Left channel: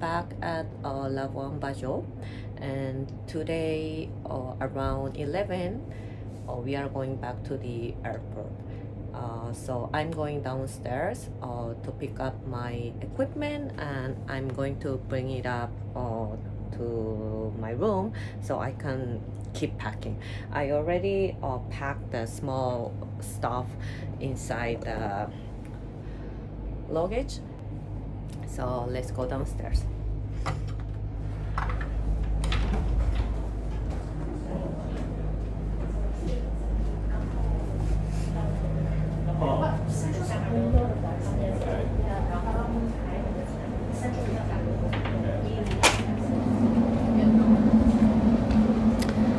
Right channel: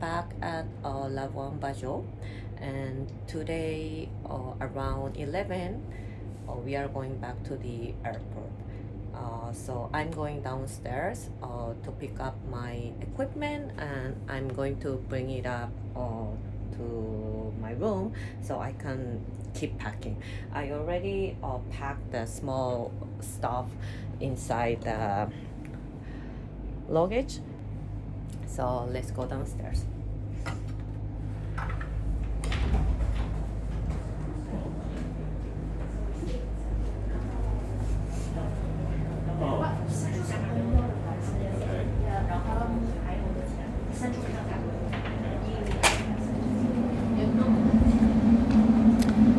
back at liveaboard, and today around 11 we are going back to the airport. So I'm going downstairs to pick up my equipment, and I'm going to bring it up to my room so I can keep packing. I already packed the small stuff inside the luggage. So let's go downstairs.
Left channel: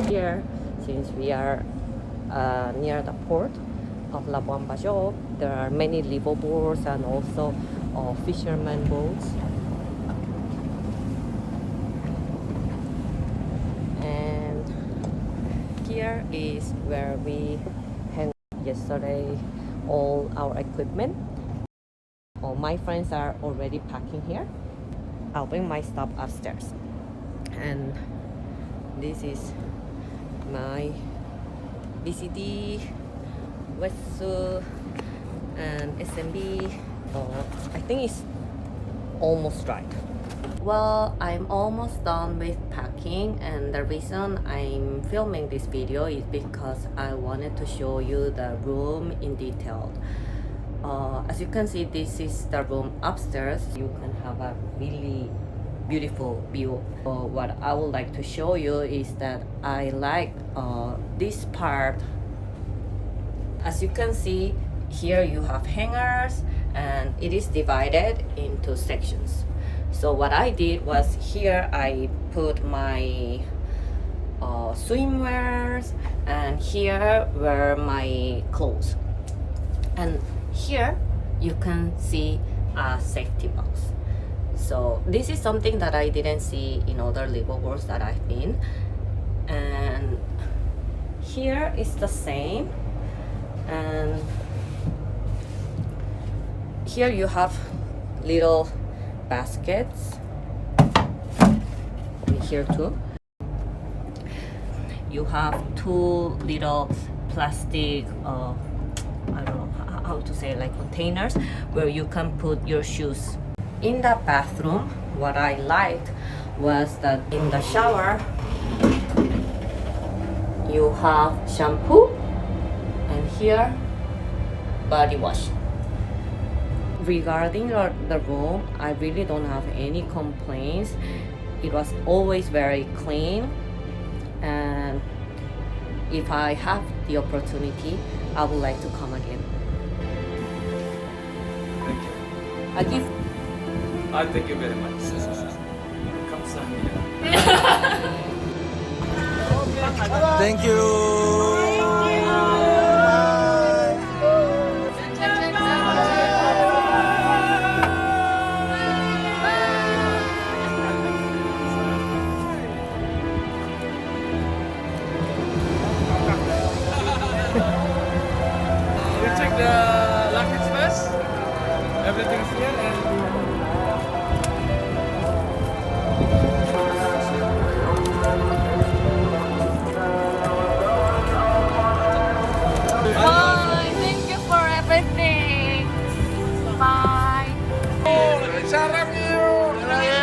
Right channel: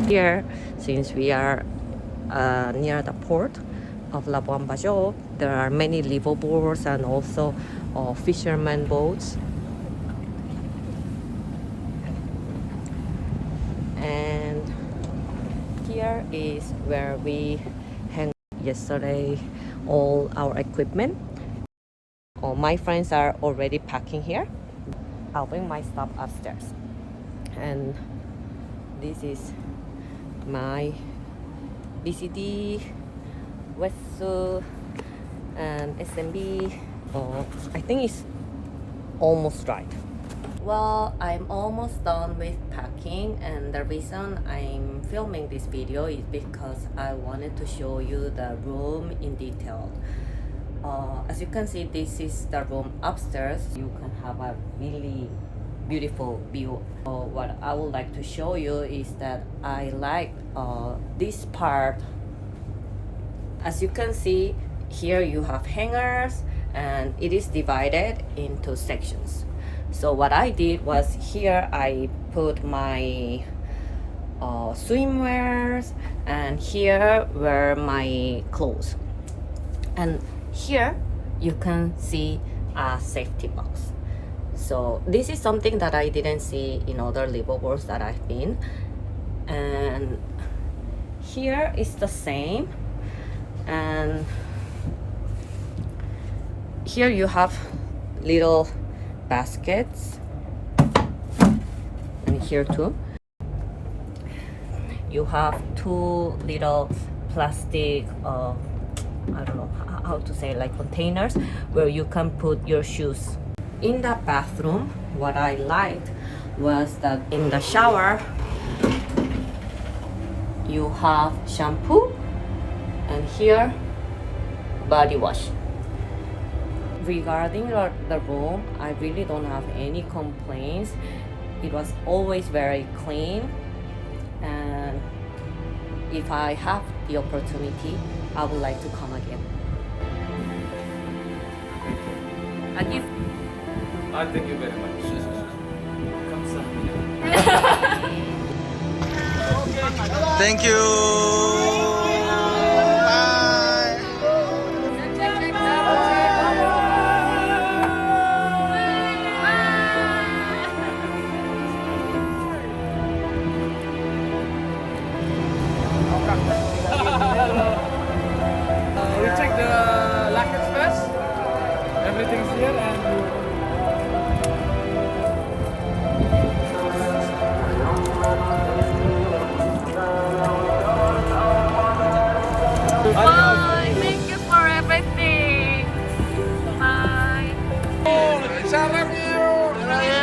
Here, since we are near the port of liveaboard, there are many liveaboards and also fisherman boats. And here is where we hang yesterday all our equipment. My friends are already packing here. I'll bring my stuff upstairs. And this is my BCD, wetsuit, and SMB. I think it's almost right. Well, I'm almost done with packing, and the reason I'm filming this video is because I wanted to show you the room in detail. As you can see, this is the room upstairs. You can have a really beautiful view. What I would like to show you is that I like this part. As you can see, here you have hangers, and it is divided into sections. So what I did was, here I put my swimwears, and here were my clothes, and here you can see a safety box. So this is something that I didn't see in other liveaboards that I've been. And here is the same, and here you have little baskets, and here too you have two little plastic I don't know how to say, like containers where you can put your shoes. In the bathroom, what I liked was that in the shower you have shampoo, and here body wash. Regarding the room, I really don't have any complaints. It was always very clean, and if I have the opportunity, I would like to come again. Thank you. I give Thank you very much. 감사합니다. Thank you. Bye. You check the luggage first. Everything's here, and bye. Thank you for everything. Bye. Sarap you.